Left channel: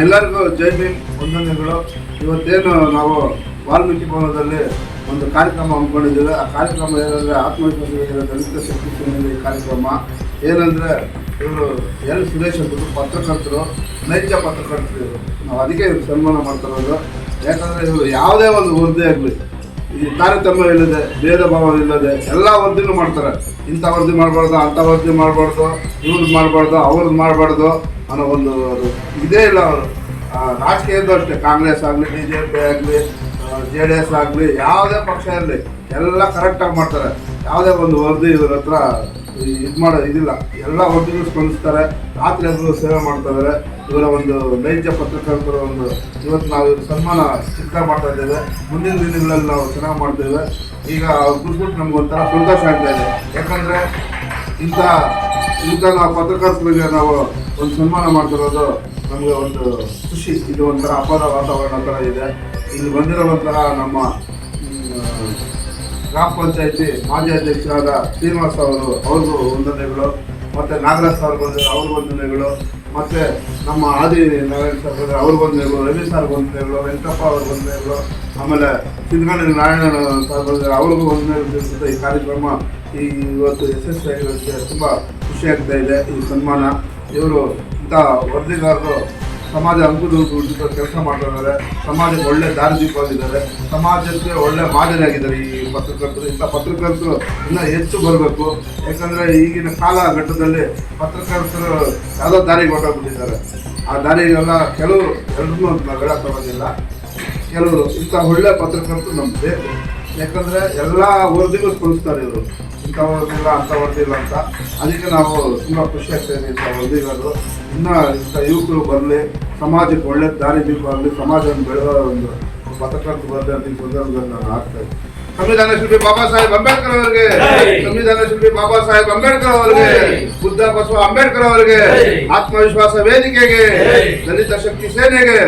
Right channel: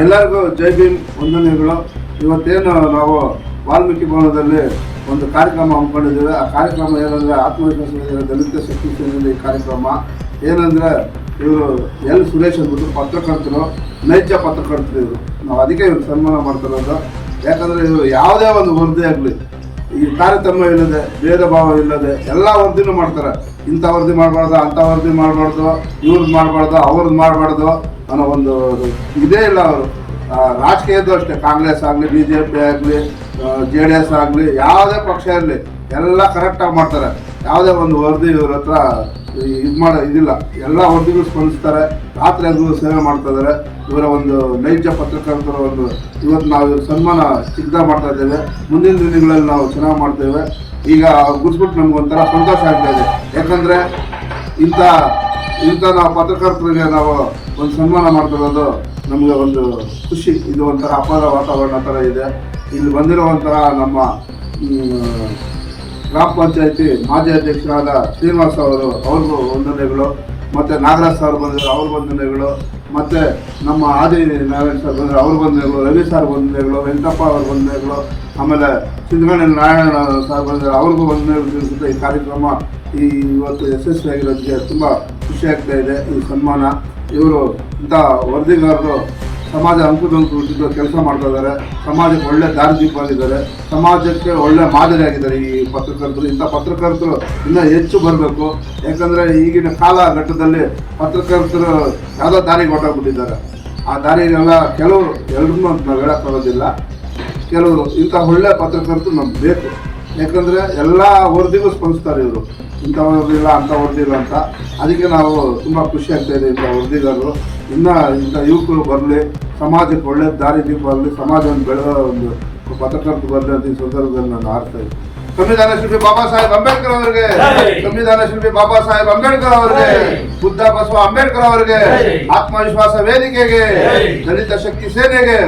ಎಲ್ಲರಿಗೂ ಜೈ ಭೀಮ್ ವಂದನೆಗಳು. ಇವತ್ತೇನು ನಾವು ವಾಲ್ಮೀಕಿ ಭವನದಲ್ಲಿ ಒಂದು ಕಾರ್ಯಕ್ರಮ ಹಮ್ಮಿಕೊಂಡಿದ್ದೇವೆ. ಆ ಕಾರ್ಯಕ್ರಮ ಏನಂದರೆ ಆತ್ಮವಿಶ್ವಾಸ ದಲಿತ ಶಕ್ತಿ ಸೇನೆಯ ಕಾರ್ಯಕ್ರಮ. ಏನಂದರೆ ಇವರು ಎಲ್ ಸುರೇಶ್ ಅಂದ್ಬಿಟ್ಟು ಪತ್ರಕರ್ತರು, ನೈಜ ಪತ್ರಕರ್ತರು ಇವರು. ನಾವು ಅದಕ್ಕೆ ಇವರು ಸನ್ಮಾನ ಮಾಡ್ತಿರೋದು. ಯಾಕಂದರೆ ಇವರು ಯಾವುದೇ ಒಂದು ವರದಿ ಆಗಲಿ, ಈ ತಾರತಮ್ಯ ಇಲ್ಲದೆ, ಭೇದ ಭಾವ ಇಲ್ಲದೆ ಎಲ್ಲ ವರದಿನೂ ಮಾಡ್ತಾರೆ. ಇಂಥ ವರದಿ ಮಾಡಬಾರ್ದು, ಅಂಥ ವರದಿ ಮಾಡಬಾರ್ದು, ಇವ್ರದ್ದು ಮಾಡಬಾರ್ದು, ಅವ್ರದ್ದು ಮಾಡಬಾರ್ದು ಅನ್ನೋ ಒಂದು ಇದೇ ಇಲ್ಲ ಅವರು. ರಾಜಕೀಯದ್ದು ಅಷ್ಟೇ, ಕಾಂಗ್ರೆಸ್ ಆಗಲಿ, BJP ಆಗಲಿ, JDS ಆಗಲಿ, ಯಾವುದೇ ಪಕ್ಷ ಇರಲಿ ಎಲ್ಲ ಕರೆಕ್ಟಾಗಿ ಮಾಡ್ತಾರೆ. ಯಾವುದೇ ಒಂದು ವರದಿ ಇವ್ರ ಹತ್ರ ಇದಿಲ್ಲ. ಎಲ್ಲ ವರದಿಗಳು ಸ್ಪಂದಿಸ್ತಾರೆ. ರಾತ್ರಿ ಎಲ್ಲರೂ ಸೇವೆ ಮಾಡ್ತಾ ಇದ್ದಾರೆ. ಇವರ ಒಂದು ನೈಜ ಪತ್ರಕರ್ತರ ಒಂದು ಇವತ್ತು ನಾವು ಇವ್ರ ಸನ್ಮಾನ ಚಿಕ್ಕದಾಗಿ ಮಾಡ್ತಾ ಇದ್ದೇವೆ. ಮುಂದಿನ ದಿನಗಳಲ್ಲಿ ನಾವು ಚೆನ್ನಾಗಿ ಮಾಡ್ತೇವೆ. ಈಗ ಗುರ್ಸ್ಬಿಟ್ಟು ನಮ್ಗೊಂಥರ ಸಂತೋಷ ಆಗ್ತಾ ಇದೆ. ಯಾಕಂದರೆ ಇಂಥ ನಾವು ಪತ್ರಕರ್ತರಿಗೆ ನಾವು ಒಂದು ಸನ್ಮಾನ ಮಾಡ್ತಿರೋದು ನಮಗೆ ಒಂದು ಖುಷಿ. ಇದು ಒಂಥರ ಹಬ್ಬದ ವಾತಾವರಣ ಥರ ಇದೆ. ಇಲ್ಲಿ ಬಂದಿರುವಂತಹ ನಮ್ಮ ಗ್ರಾಮ ಪಂಚಾಯತಿ ಮಾಜಿ ಅಧ್ಯಕ್ಷರಾದ ಶ್ರೀನಿವಾಸ ಅವ್ರಿಗೂ ವಂದನೆಗಳು, ಮತ್ತು ನಾಗರಾಜ್ ಸರ್ ಬಂದಿರೋ ಅವ್ರಿಗೆ ವಂದನೆಗಳು, ಮತ್ತು ನಮ್ಮ ಆದಿ ನಾರಾಯಣ ಸರ್ ಬಂದರೆ ಅವ್ರಿಗೆ ವಂದನೆಗಳು, ರವಿ ಸರ್ ವಂದನೆಗಳು, ವೆಂಕಟಪ್ಪ ಅವ್ರಿಗೆ ವಂದನೆಗಳು, ಆಮೇಲೆ ಸಿದ್ದಗಂಗಾ ನಾರಾಯಣ ಸರ್ ಬಂದರೆ ಅವ್ರಿಗೂ ವಂದನೆಗಳು ತಿಳಿಸುತ್ತೆ. ಈ ಕಾರ್ಯಕ್ರಮ ಇವತ್ತು ಯಶಸ್ವಿಯಾಗಿರೋದಕ್ಕೆ ತುಂಬ ಖುಷಿಯಾಗ್ತಾ ಇದೆ. ಈ ಸನ್ಮಾನ ಇವರು ಇಂಥ ವರದಿಗಾರರು ಸಮಾಜ ಅಂಕುಡೊಂಕು ಕೆಲಸ ಮಾಡ್ತಾ ಇದ್ದಾರೆ. ಸಮಾಜಕ್ಕೆ ಒಳ್ಳೆ ದಾರಿದೀಪವಾಗಿದ್ದಾರೆ. ಸಮಾಜಕ್ಕೆ ಒಳ್ಳೆ ಮಾದರಿಯಾಗಿದ್ದಾರೆ ಈ ಪತ್ರಕರ್ತರು. ಇಂಥ ಪತ್ರಕರ್ತರು ಇನ್ನೂ ಹೆಚ್ಚು ಬರಬೇಕು. ಯಾಕಂದರೆ ಈಗಿನ ಘಟ್ಟದಲ್ಲಿ ಪತ್ರಕರ್ತರು ಯಾವುದೋ ದಾರಿಗೆ ಹೊರಟೋಗ್ಬಿಟ್ಟಿದ್ದಾರೆ. ಆ ದಾರಿಗೆಲ್ಲ ಎಲ್ಲರನ್ನೂ ನಾವು ಹೇಳೋಕ್ಕಾಗೋದಿಲ್ಲ. ಕೆಲವರು ಇಂಥ ಒಳ್ಳೆ ಪತ್ರಕರ್ತರು ನಮ್ಗೆ ಬೇಕು. ಯಾಕಂದರೆ ಎಲ್ಲ ವರದಿಗೂ ಸ್ಪಂದಿಸ್ತಾರೆ ಇವರು. ಇಂಥ ವರದಿಲ್ಲ, ಅಂಥ ವರದಿಲ್ಲ ಅಂತ. ಅದಕ್ಕೆ ನಾವು ತುಂಬ ಖುಷಿ ಆಗ್ತಾಯಿದೆ. ಇಂಥ ವರದಿಗಾರರು ಇನ್ನೂ ಇಂಥ ಯುವಕರು ಬರಲಿ, ಸಮಾಜಕ್ಕೆ ಒಳ್ಳೆ ದಾರಿ ದೀಪ ಬರಲಿ, ಸಮಾಜವನ್ನು ಬೆಳೆದ ಒಂದು ಪತ್ರಕರ್ತ ಬರಲಿ ಅಂತ ಈ ಸಂದರ್ಭದಲ್ಲಿ ನಾನು ಆಗ್ತಾ ಇದ್ದೆ. ಸಂವಿಧಾನ ಶಿಲ್ಪಿ ಬಾಬಾ ಸಾಹೇಬ್ ಅಂಬೇಡ್ಕರ್ ಅವರಿಗೆ, ಸಂವಿಧಾನ ಶಿಲ್ಪಿ ಬಾಬಾ ಸಾಹೇಬ್ ಅಂಬೇಡ್ಕರ್ ಅವರಿಗೆ, ಬುದ್ಧ ಬಸವ ಅಂಬೇಡ್ಕರ್ ಅವರಿಗೆ, ಆತ್ಮವಿಶ್ವಾಸ ವೇದಿಕೆಗೆ, ದಲಿತ ಶಕ್ತಿ ಸೇನೆಗೆ.